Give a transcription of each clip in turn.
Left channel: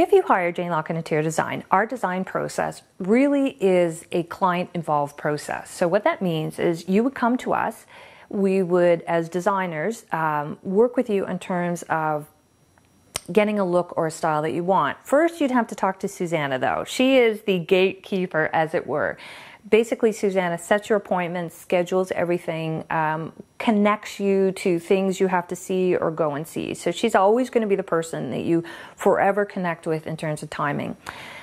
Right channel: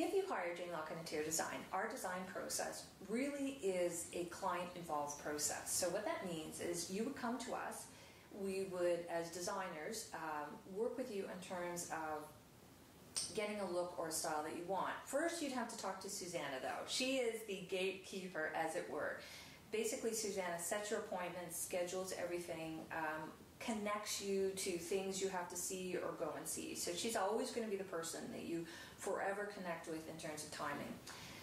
If you hire Jane Lockhart Interior Design, our design process really is a client-involved process. So what that means is you would come to us, we would, as designers, work with you in terms of getting a look or a style that you want. First, you'd have to talk to Susanna, though. She is the gatekeeper, as it were. Basically, Susanna sets your appointments, schedules everything, connects you to things you have to see or go and see. So she's always going to be the person that you forever connect with in terms of timing.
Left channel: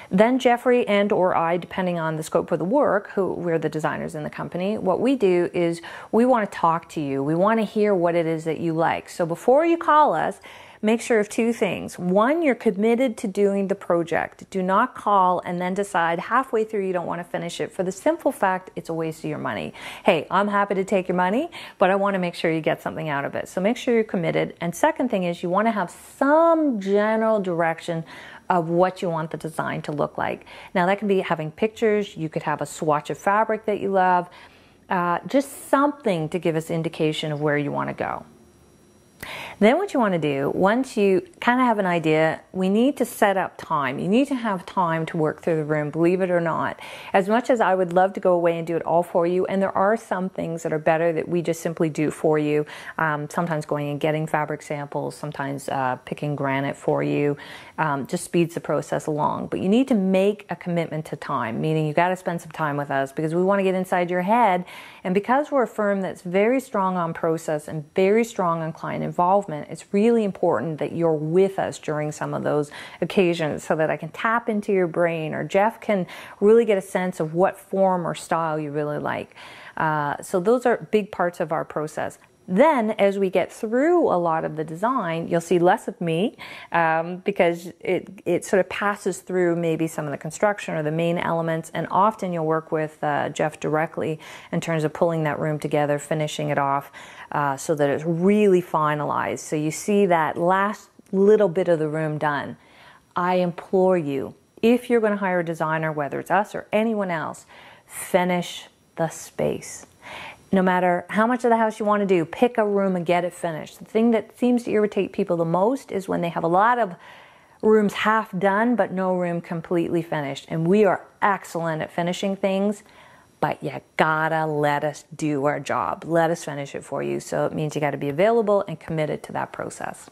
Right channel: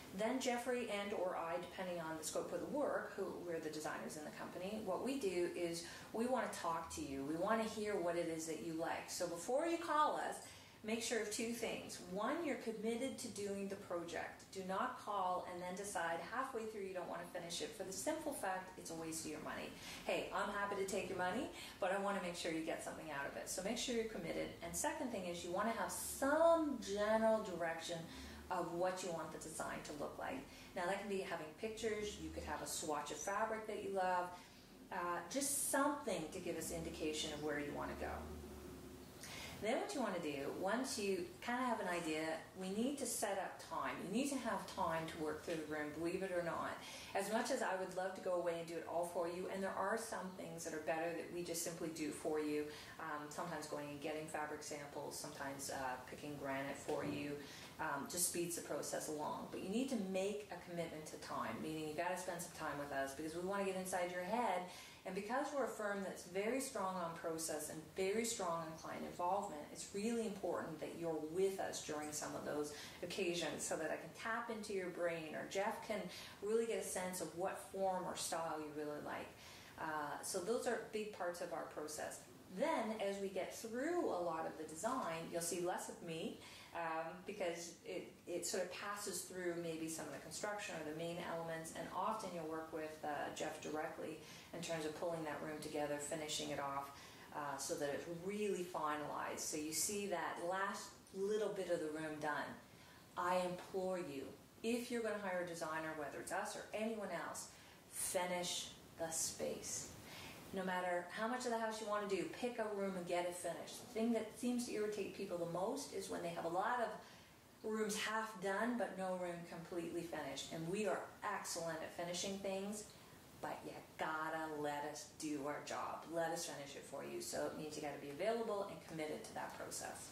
Then Jeffrey and or I, depending on the scope of the work, we're the designers in the company, what we do is we want to talk to you. We want to hear what it is that you like. So before you call us, make sure of two things. One, you're committed to doing the project. Do not call and then decide halfway through you don't want to finish it, for the simple fact it's a waste of your money. Hey, I'm happy to take your money, but I want to make sure you get something out of it. So make sure you're committed. And second thing is you want to have some general direction of what you want the design to look like. Now that can be having pictures, you could have a swatch of fabric that you love, just something to give us indication of where you want to go. Then what you want to do, once you kind of have an idea, we need to set up time. You need to have time to work through the room, believe it or not. As much as I would love to go away and do it all for you, and there are some things that are better that we just simply do for you, sometimes going and getting fabric samples, sometimes picking granite for you, just speeds the process along. But you need to make a commitment to time, meaning you got to spend some time with us because we want to get inside your head. And because we're a firm that's very strong on process and very strong on client involvement, it's really important that you're with us during some of those occasions so that I can tap into your brain or Jeff can really get a sense of what form or style you really like. So those are big parts of our process. Then, as we get through a lot of the design, you'll see less of me because it sort of passes through maybe some of the construction or the main elements, and often you'll work with Jeff directly in terms of pulling that room together, finishing it off so that it's really finalized. So you see that last little bit of the room done. I implore you, if you're going to hire a designer, whether it's us or anyone else, finish the space. No matter how much of the house you want to do, pick a room and get it finished. The thing that seems to irritate people the most is when they have a lot of rooms half done, but no room completely finished. And we are excellent at finishing things, but you gotta let us do our job. Let us finish it for you. So it means you gotta be available and committed to that process.